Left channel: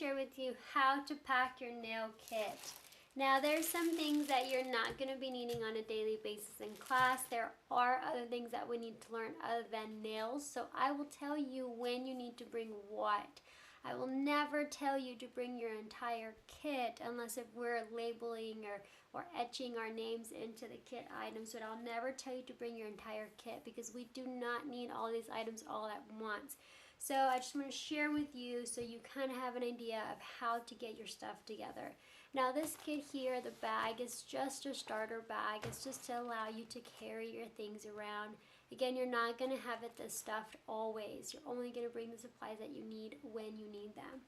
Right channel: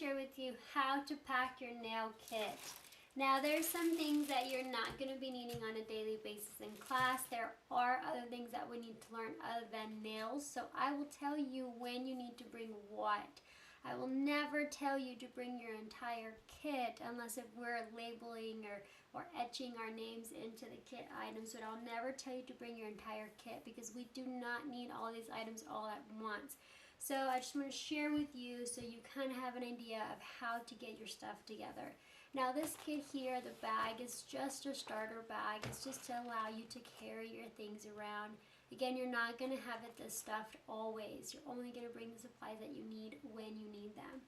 share with you how to pack your nail kit. Now, there's some things that you're not going to be needing on a daily basis in class. There are other things that we need to learn other than nails. So I will tell you when you need to bring what. I will never tell you to bring your entire kit unless if we're labeling or etching our names into the kit items. But I'll never tell you to bring your entire kit because we do not need all these items all at once. So I just want to share with you so you kind of have an idea of how to get your stuff together. Now this kit here, the bag, is just a starter bag. It's just to allow you to carry your things around. Again, you're not going to have it this stuffed always. You're only going to bring the supplies that you need when you need them.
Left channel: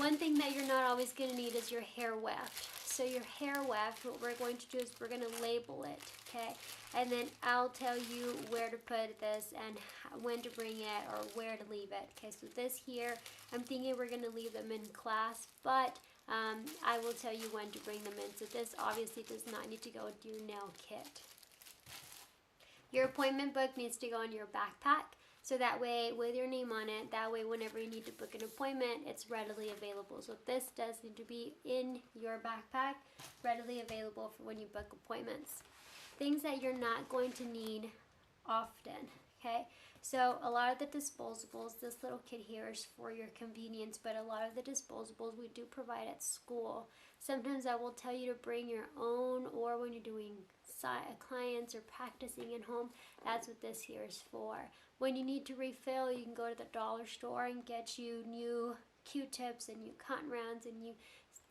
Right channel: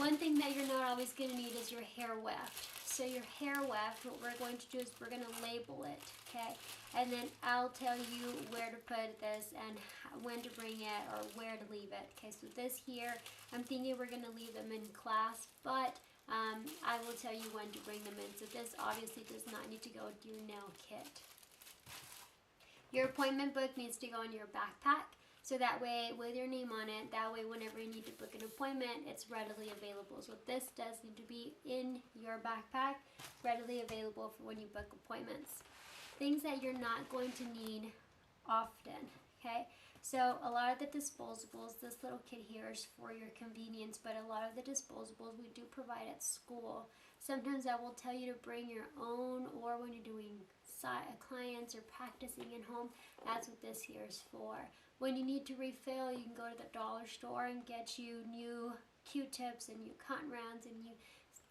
One thing that you're not always going to need is your hair weft. So your hair weft, what we're going to do is we're going to label it, okay? And then I'll tell you where to put this and when to bring it or where to leave it. Okay, so this here, I'm thinking we're going to leave them in class, but I will tell you when to bring them in. So this obviously does not need to go to your nail kit. Your appointment book needs to go in your backpack. So that way, with your name on it, that way whenever you need to book an appointment, it's readily available. So this does need to be in your backpack, readily available for when you book appointments. Things that you're not going to need often, okay? So a lot of the disposables, this little kit here is for your convenience, but a lot of the disposables we do provide at school. Sometimes I will tell you to bring your own, or when you're doing clients or practicing at home, that's what this here is for. When you need to refill, you can go to the dollar store and get you new Q-tips and new cotton rounds and new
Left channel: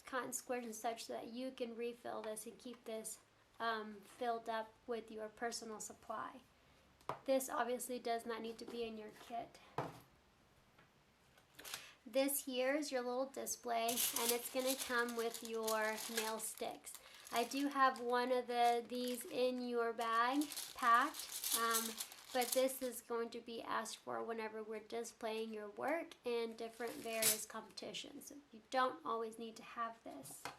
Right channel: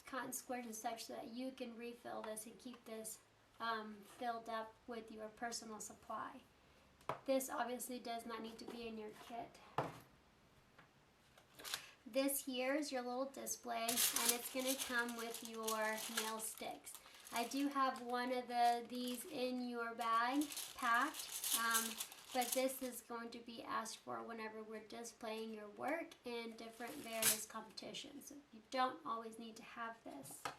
cotton squares and such so that you can refill this and keep this filled up with your personal supply. This obviously does not need to be in your kit. This here is your little display, and it's going to come with your nail sticks. I do have one of these in your bag packed, but this is going to be asked for whenever we're displaying your work in different various competitions. So you don't always need to have this.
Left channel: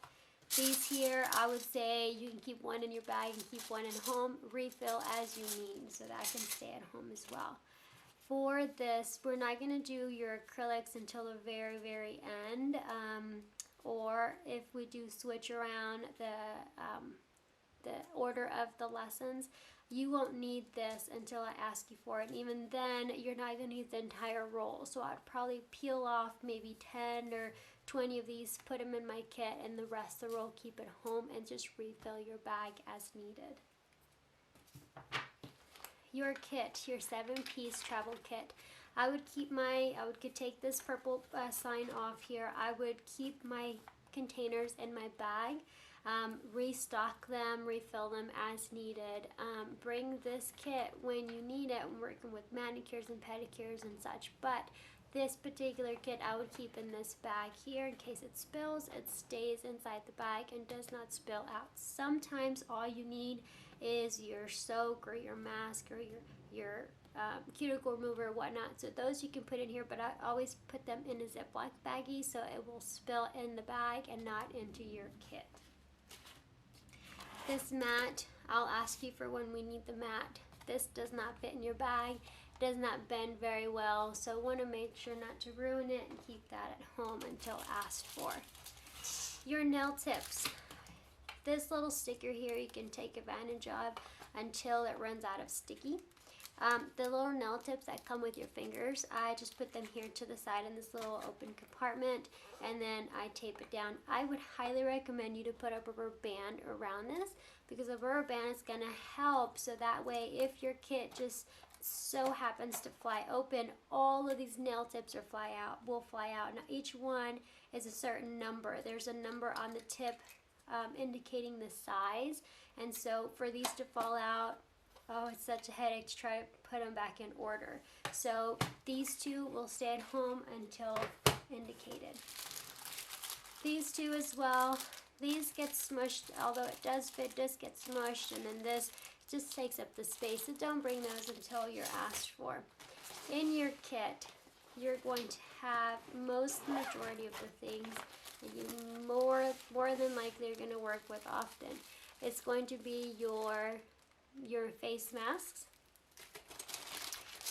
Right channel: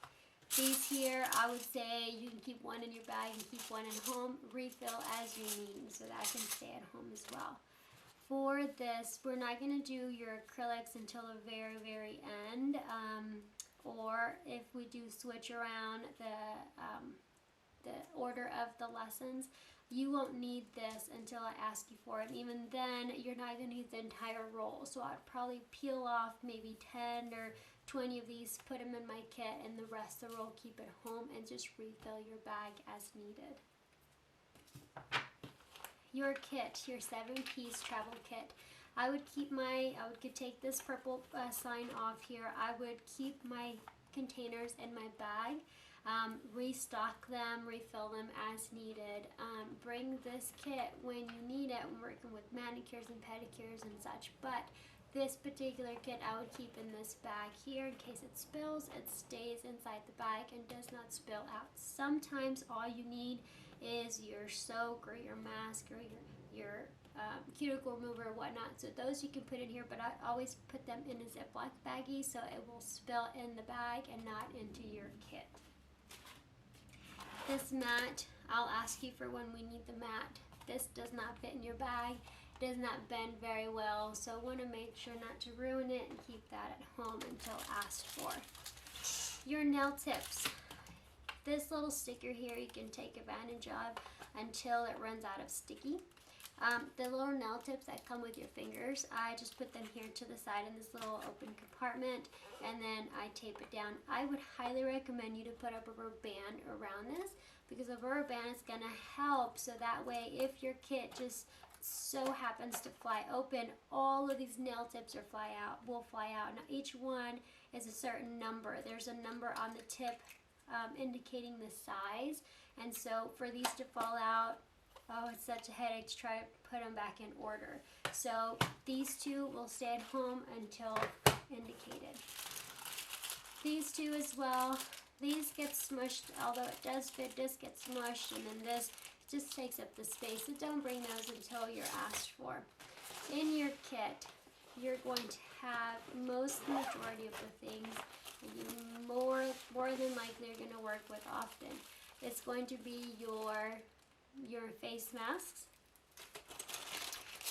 These here, I would say you can keep one in your bag and keep one at home, refill as you need, so that can stay at home as well. For this, we're not going to do your acrylics until the very, very end, or if we do switch around the order of the lessons, you won't need this until I ask you for it. And even then, you're not going to need the entire roll. So I'd probably peel off maybe 10 or 20 of these, put them in my kit, and the rest of the roll keep it home and just refill your bag as needed. Your kit, your 7-piece travel kit. I would take this purple sign off here. I would keep my containers in my bag, restock them, refill them as needed. Bring this kit when you need it. I'm working with manicures and pedicures and such, but this particular kit I would keep in this bag here in case it spills. It stays inside the bag and does not spill out. Sometimes all you need is your soak or your mask or your cuticle remover or whatnot. So those you can put in here, but I always put them in a Ziploc baggie so it will spill in the bag and not into your kit. This mat, I'll ask you for when we need the mat. This does not fit in your bag, does not bend very well, so want to make sure not to ruin it and keep that at home until asked for. Your nail tips. This little sticker here you can take advantage of until it runs out of sticky. The little nail tips that come with your fingers, I just put them here to the side in this little open compartment, and then I tape it down. I would highly recommend you to put a rubber band around this because a rubber band is going to help, so that way if your kit just so happens to fly open, all of these nail tips will fly out. Now each one is a certain number. There's a number on the tip indicating the size, and so for these to fall out, oh, it's such a headache to try to put them back in order. So these two will stay at home until indicated. These two as well, these get smushed, although it does fit, this gets smushed, and then this just takes up the space. So don't bring those until you're asked for. In your kit, you're going to have majority of the things you more than likely are going to work with often. It's going to be your face masks.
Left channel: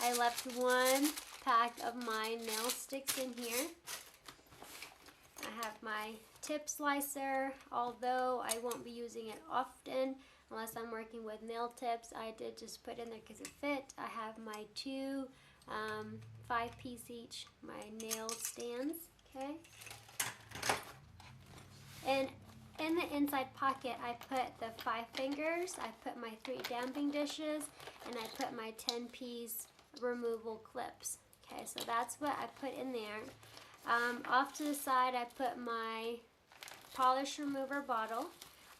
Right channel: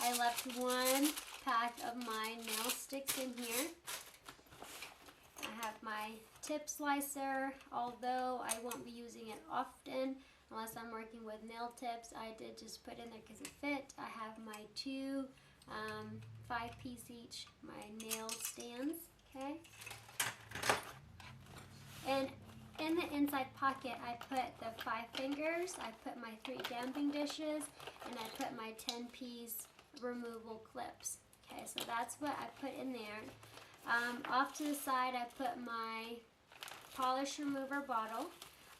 I left one pack of my nail sticks in here. my tip slicer, although I won't be using it often unless I'm working with nail tips. I did just put in there because it fit. I have my two 5-piece each, my nail stands, okay? And in the inside pocket, I put the 5 fingers, I put my 3 damping dishes, and I put my 10-piece removal clips. Okay, so that's what I put in there. Off to the side, I put my polish remover bottle.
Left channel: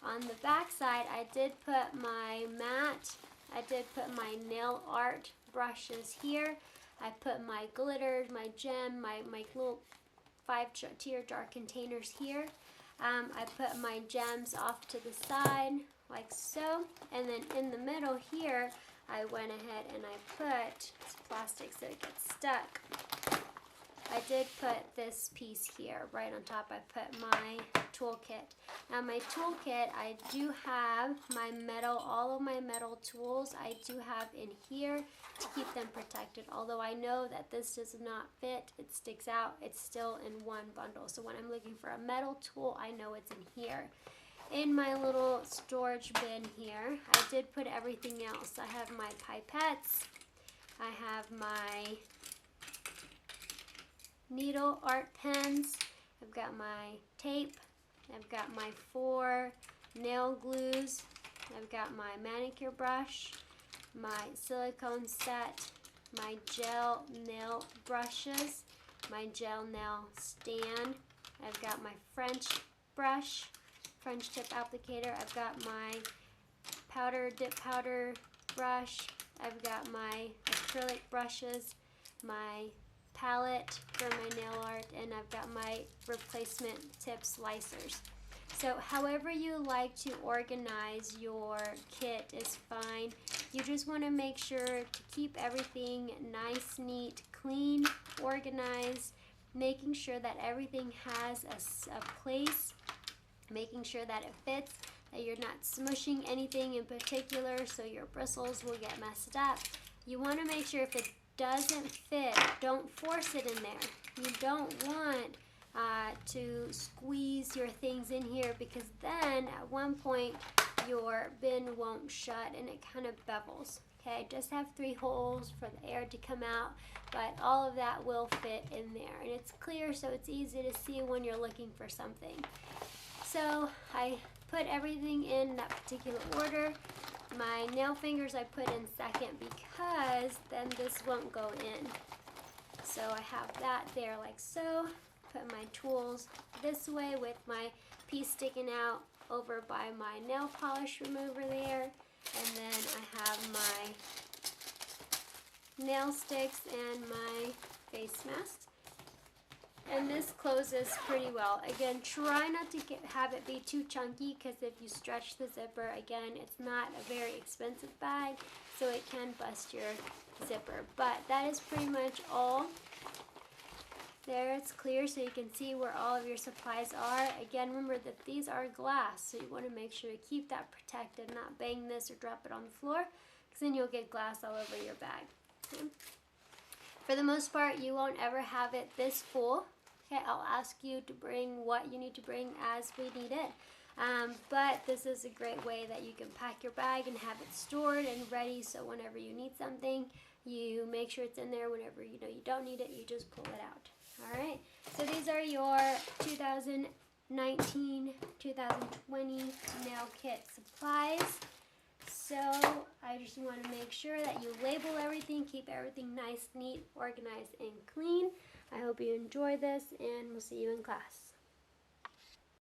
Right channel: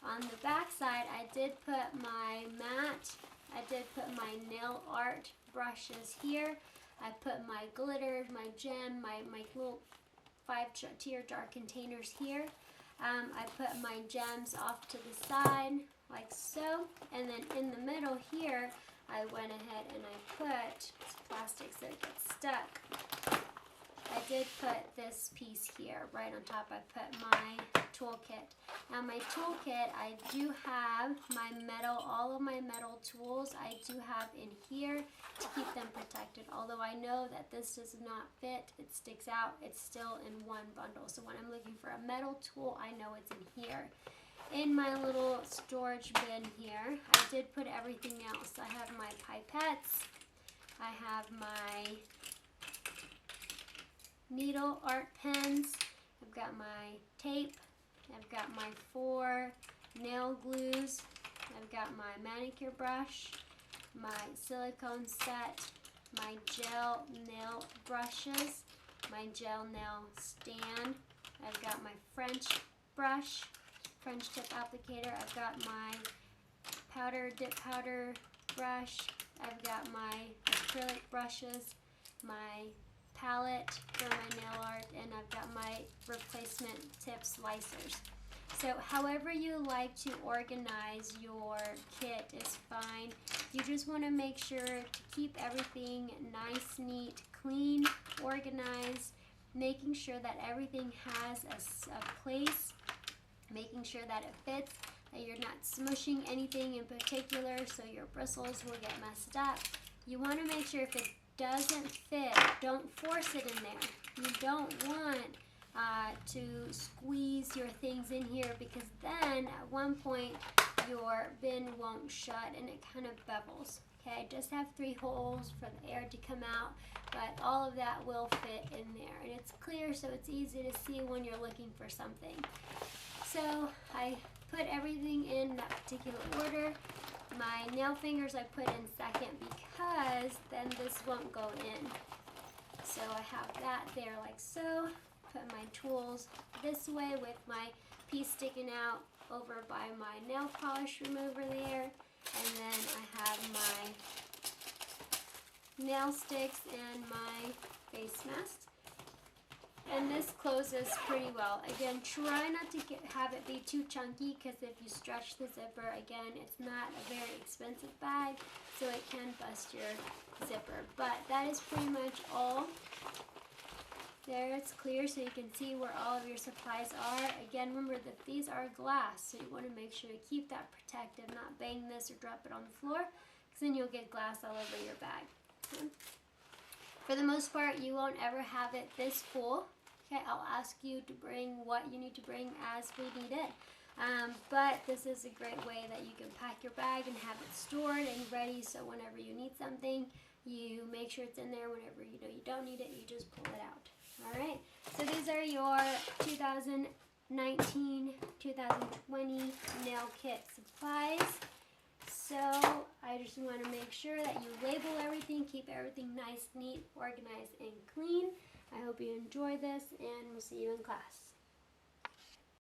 On the back side, I did put my mat. I did put my nail art brushes here. I put my glitters, my gem, my little 5-tier jar containers here. I put my gems off to the side, like so. And then in the middle here, I went ahead and I put plastic so it gets stuck. I did put this piece here right on top. I put my toolkit. Now my toolkit, I do have my metal, all of my metal tools I do have in here to keep them protected. Although I know that this does not fit, it sticks out, it's still in one bundle. So when I'm looking for a metal tool, I know it's in here. In my little storage bin here, I did put everything else. I have my pipettes, I have my needle art pens, I've got my tape, I've got my 4 nail glues, I've got my manicure brush, my silicone set, my gel nail brushes, my gel nail stand, I've got my French brush, French tip applicator, I've got my dip powder brush, I've got my acrylic brushes, my palette for my nail art, and I've got my replacement tip slicers. So however you like to organize your kit is fine. You just want to make sure to keep everything nice, neat, clean, organized, making sure that everything has a place, making sure that it fits, that you're not smushing anything in particular so your bristles will get messed up. You want to make sure if it doesn't fit, don't force it in there. You don't want to squeeze your things in here, because then at one point your bin won't shut and it kind of bevels. Okay, just have 3 holes for the air to come out, but all of that will fit in there, and it's clear so it's easy to see when you're looking for something. So I put everything in that particular order. My nail fingers I put in second because then this won't go in. So I have that there like so. Put my tools this way with my piece sticking out over by my nail polish remover there. And then I have my nail sticks and my face mask. And this closes pretty well. Again, try not to have it be too chunky, because if you stretch the zipper, again, it's not a very expensive bag, so it can bust your zipper. But that is pretty much all. There, it's clear so you can see where all of your supplies are. Again, remember that these are glass, so you want to make sure to keep that protected, not bang this or drop it on the floor, because then you'll get glass all over your bag. Okay. For the most part, you won't ever have it this full. Okay, I'll ask you to bring what you need to bring as we need it. But this is a great way that you can pack your bag and have it stored and ready, so whenever you need something, you make sure it's in there. Whenever you know you don't need it, you just pull it out. All right, so these are your 2019-2020 nail kit supplies. So I just want to make sure that you label everything, keep everything nice, neat, organized, and clean. I hope you enjoy this, and we'll see you in class.